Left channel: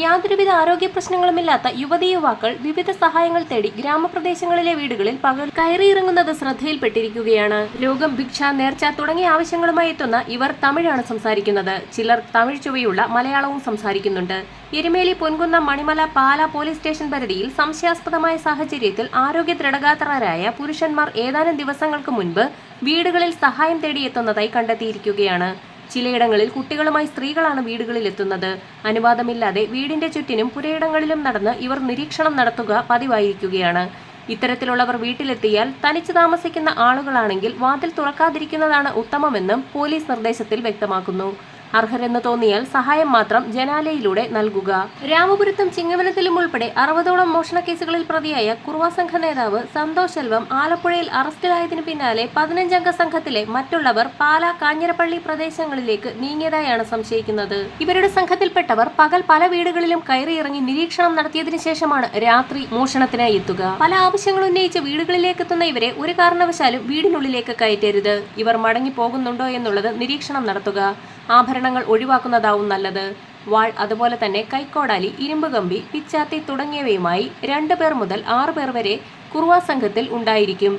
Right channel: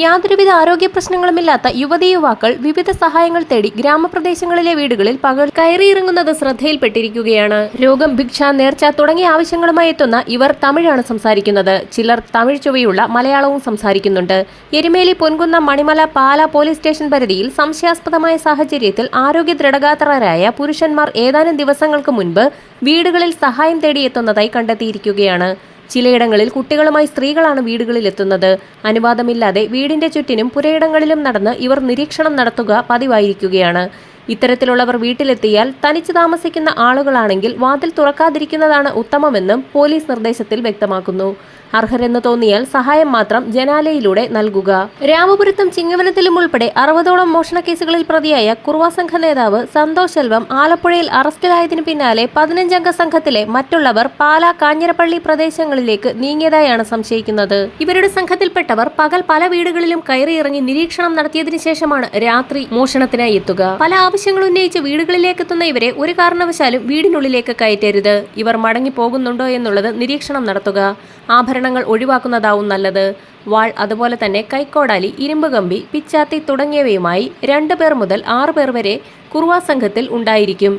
യാതൊരുവിധ ആരോഗ്യ പ്രശ്നങ്ങളുമില്ലാത്ത യുവതീ-യുവാക്കൾ വിവിധ സഹായങ്ങൾ തേടി ഗ്രാമപ്രദേശങ്ങളിലെ വീടുകളിൽ പകൽ കയറിയിറങ്ങുന്നത് ശ്രദ്ധയിൽപ്പെട്ടിരിക്കുകയാണ്. രോഗം, ഭിക്ഷ, നേർച്ച തുടങ്ങിയ ആവശ്യങ്ങളുമായി എത്തുന്ന ഇവർ തമിഴാണ് സംസാരിക്കുന്നത്. ചിലർ തമിഴ് ചുവയുള്ള മലയാളവും സംസാരിക്കുന്നുണ്ട്. എരുമേലി, പൊൻകുന്നം, മണിമല, പാല പോലീസ് സ്റ്റേഷൻ പരിധിയിൽ സംശയാസ്പദമായ സാഹചര്യത്തിൽ ആരോഗ്യ ദൃഢഗാത്രരായ പുരുഷന്മാർ ഏതാനും ദിവസങ്ങൾക്ക് മുൻപ് വീടുകളിൽ സഹായം തേടിയെത്തുന്നതായി കണ്ടെത്തിയിരിക്കുകയാണ്. ചിലയിടങ്ങളിൽ കുട്ടികളുമായി സ്ത്രീകളാണ് വീടുകളിൽ എത്തുന്നത്. അനുവാദമില്ലാതെ വീടിന്റെ ചുറ്റിനും പുരയിടങ്ങളിലും നടന്ന് ഇവർ നിരീക്ഷണം നടത്തുക പതിവായിരിക്കുകയാണ്. ഇത്തരത്തിലുള്ളവർ വീട്ടിലെത്തിയാൽ തനിച്ച് താമസിക്കുന്ന ആളുകളാണെങ്കിൽ വാതിൽ തുറക്കാതിരിക്കുന്നതാണ് ഉത്തമമെന്നും പോലീസ് നിർദ്ദേശത്തിൽ വ്യക്തമാക്കുന്നു. അർഹരെന്ന് തോന്നിയാൽ സഹായം മാത്രം ജനാലയിലൂടെ നൽകുക. രാമപുരത്തും ചിങ്ങവനത്തിലും ഉൾപ്പെടെ 60ഓളം മോഷണക്കേസുകളിൽ പ്രതിയായ കുറുവ സംഘ നേതാവ് സന്തോഷ് സെൽവം ആലപ്പുഴയിൽ അറസ്റ്റിലായതിനു പിന്നാലെ 15-അംഗ സംഘത്തിലെ മറ്റുള്ളവർ പാല, കാഞ്ഞിരപ്പള്ളി പ്രദേശങ്ങളിലേക്ക് നീങ്ങിയതായാണ് സംശയിക്കുന്നത്. ഇവരുടെ സംഘത്തിൽപ്പെട്ടവർ പകൽ പല വീടുകളിലും കയറിയിറങ്ങി നിരീക്ഷണം നടത്തിയതിനു ശേഷമാണ് രാത്രി മോഷണത്തിനായി എത്തുക. പല ആവശ്യങ്ങൾ ഉന്നയിച്ച് വീടുകളിലേക്ക് എത്തുന്ന ഇവരെ ഒരു കാരണവശാലും വീടിനുള്ളിലേക്ക് കയറ്റരുത്. ഇവർ മടങ്ങി പോകുന്നുണ്ടോ എന്നുള്ളത് നിരീക്ഷണം നടത്തുക. ആഭരണങ്ങൾ ഒഴിവാക്കുന്നതാവും നല്ലത്. വാൾ, അതുപോലെ തന്നെ കൈക്കോടാലി, ഇരുമ്പ് കമ്പി, പിച്ചാത്തി തുടങ്ങിയവയുമായി 2 പേർ മുതൽ 6 പേർ വരെ കുറുവ സംഘത്തിൽ ഉണ്ടായിരിക്കും.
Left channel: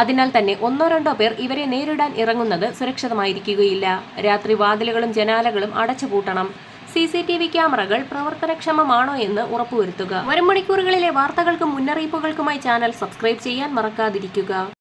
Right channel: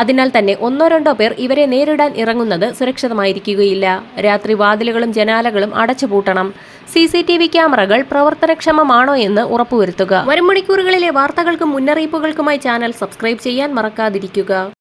അതിനാൽ തന്നെ 1-2 പേർ ഇവരെ നേരിടാൻ ഇറങ്ങുന്നത് സുരക്ഷിതമായിരിക്കുകയില്ല. രാത്രി വാതിലുകളും ജനാലകളും അടച്ചുപൂട്ടണം. CCTV ക്യാമറകൾ പ്രവർത്തനക്ഷമമാണോ എന്ന് ഉറപ്പുവരുത്തുക. വരും മണിക്കൂറുകളിലെ വാർത്തകൾക്കും മുന്നറിയിപ്പുകൾക്കുമായി ചാനൽ സബ്സ്ക്രൈബ് ചെയ്യാൻ മറക്കാതിരിക്കുക.